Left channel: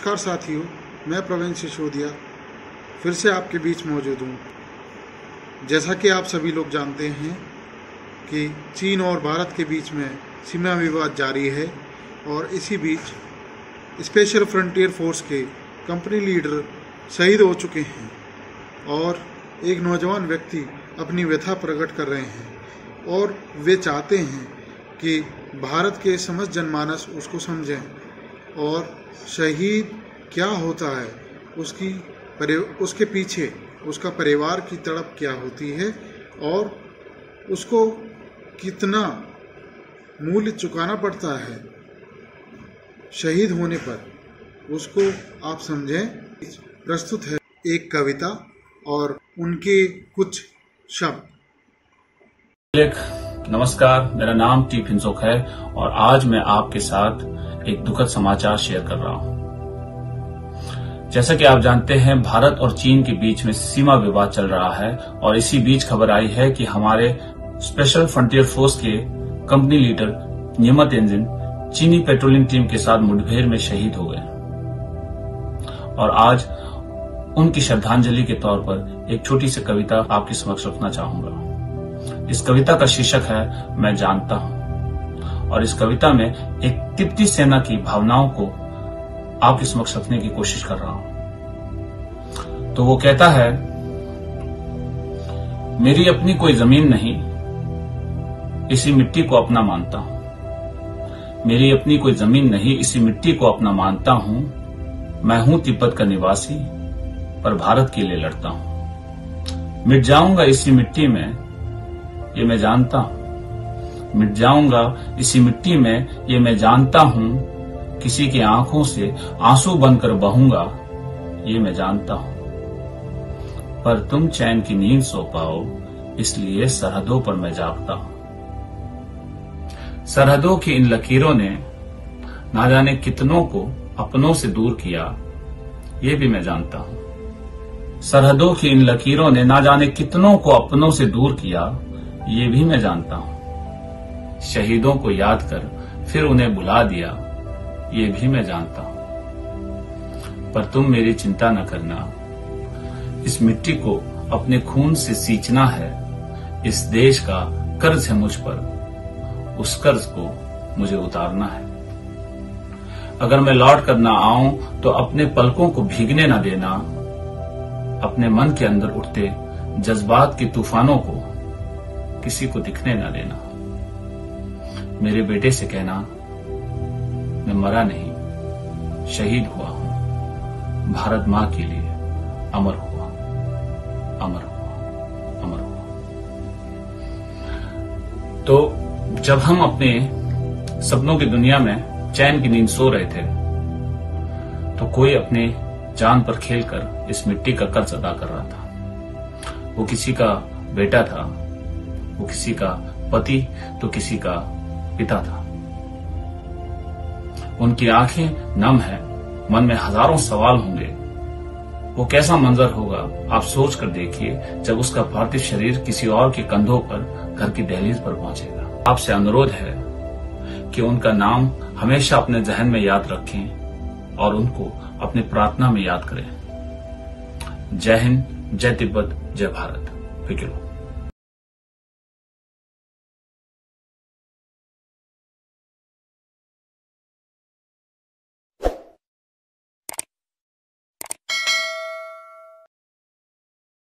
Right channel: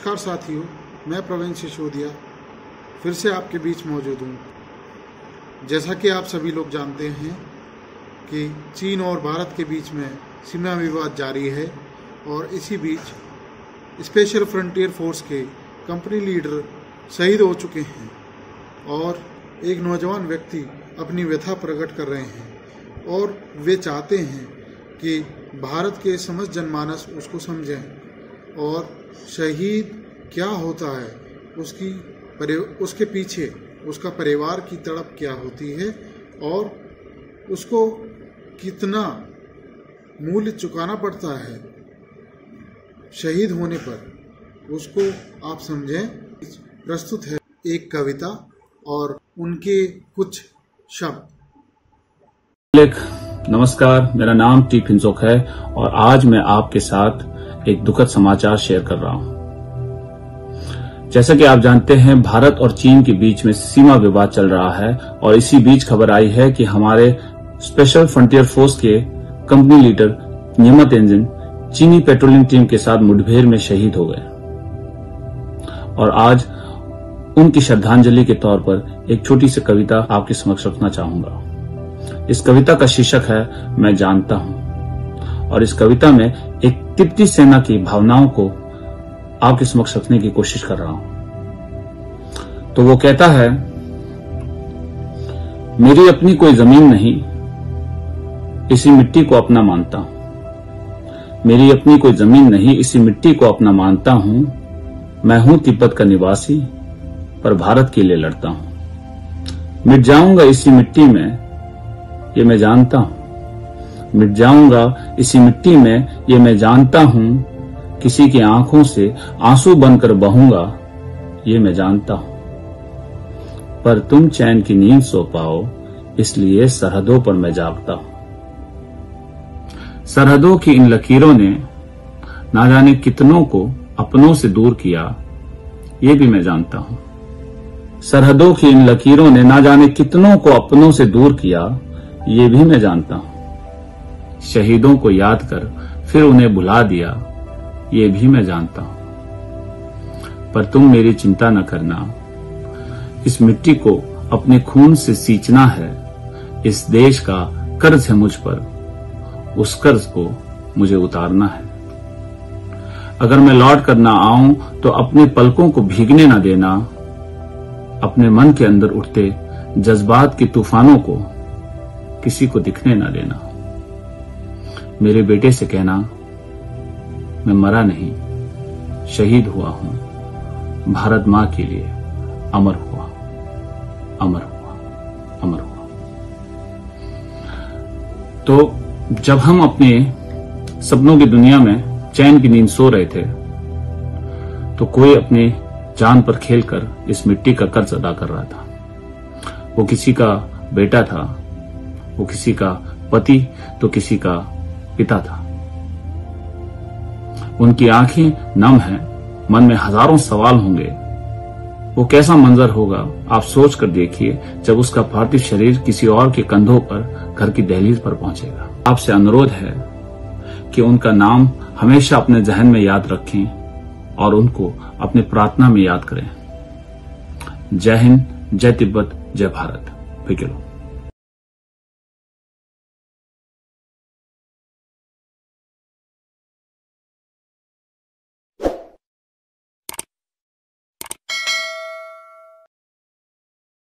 नमस्कार साथियों, मैं प्रवीण सिसोदिया फिर से आपके बीच मौजूद हूँ। जैसा कि आप सभी लोग जानते हैं कि चीन और भारत के बीच में सीमा विवाद जारी है और इसी बीच स्पेशल फ्रंटियर फोर्स के कंपनी लीडर शहीद हो चुके हैं और एक नौजवान व्यक्ति अपनी व्यथा प्रकट कर रहे हैं और वे चाहते हैं कि भारत के समस्त जनमानस उसको समझें और शहीद क्या होता है, उसके पीछे उसका परिवार की तड़प क्या होती है और उसको कितना मूल्य चुकाना पड़ता है शहीद होने पर, उसको आप समझें। प्रस्तुत है एक कविता और उनके कुछ शब्द। नमस्कार, मेरा नाम टी फिंसोक है और आज मैं आपके साथ एक दुखद समाचार शेयर कर रहा हूं। जैसा कि आप जानते हैं, भारत और चीन के बीच में सीमा विवाद चल रहा है और इसी बीच खबर आई है कि हमारे स्पेशल फ्रंटियर फोर्स के कंपनी लीडर न्यिमा तेंजिन चीनी पेट्रोलिंग टीम के साथ मुठभेड़ में शहीद हो गए और आज उनकी श्रद्धांजलि के तौर पर एक छोटी सी कविता आपके समक्ष रखना चाहूंगा। इस कविता का शीर्षक है मैं जानता हूं और इस कविता में एक तिब्बती सेना की भावनाओं को आपके समक्ष रखने की कोशिश कर रहा हूं। तो वो कहता है, मेरी अपनी कोई जमीन नहीं, इसी मिट्टी को अपना मानता हूं। मेरी अपनी कोई जमीन नहीं, इसी मिट्टी को अपना मानता हूं। मैं हूं तिब्बत का निवासी, पर भारत के लिए लड़ता हूं। मिट जाऊंगा इसी मिट्टी में, ये मैं जानता हूं। मिट जाऊंगा इसी मिट्टी में, ये मैं जानता हूं। किसी की आंखों से आंसू बनकर बहूंगा, ये मैं जानता हूं। पर तुम चैन की नींद सो पाओ, इसलिए सरहदों पर मैं जागता हूं। सरहदों की इन लकीरों ने ना जाने कितनों को अपनों से दूर किया, ये भी मैं जानता हूं। सरहदों की इन लकीरों ने ना जाने कितनों को अपनों से दूर किया, ये भी मैं जानता हूं। शहीदों को याद कर फिर उन्हें भुला दिया, ये भी मैं जानता हूं। पर तुम मेरी चिंता न करना, इस मिट्टी को अपने खून से सींचना है। इस देश का कर्ज है मुझ पर, उस कर्ज को मुझे उतारना है। अगर मैं लौट कर ना आऊं तो अपने पलकों को भीगने न देना। अपने मन के अंदर उठते जज्बात के तूफानों को किसी को दिखने न देना। मेरे बेटे से कहना, मैं मरा नहीं, शहीद हुआ हूं। भारत मां के लिए अमर हुआ, अमर हुआ, अमर हुआ। तो जब हम अपने सपनों की दुनिया में चैन की नींद सो रहे थे, तो कोई अपने जान पर खेलकर इस मिट्टी का कर्ज अदा कर रहा था। वो किसी का बेटा था, वो किसी का पति तो किसी का पिता था। उनकी आंखें नम हैं, मन में हजारों सवाल होंगे। वो कैसा मंजर होगा आप सोच कर देखिए जब उसका पार्थिव शरीर किसी और के कंधों पर घर की दहलीज पर पहुंचेगा। आपसे अनुरोध है कि उनका नाम हमेशा अपने जहन में याद रखें और उनको अपनी प्रार्थना में याद करें। जय हिंद, जय तिब्बत, जय भारत। फिर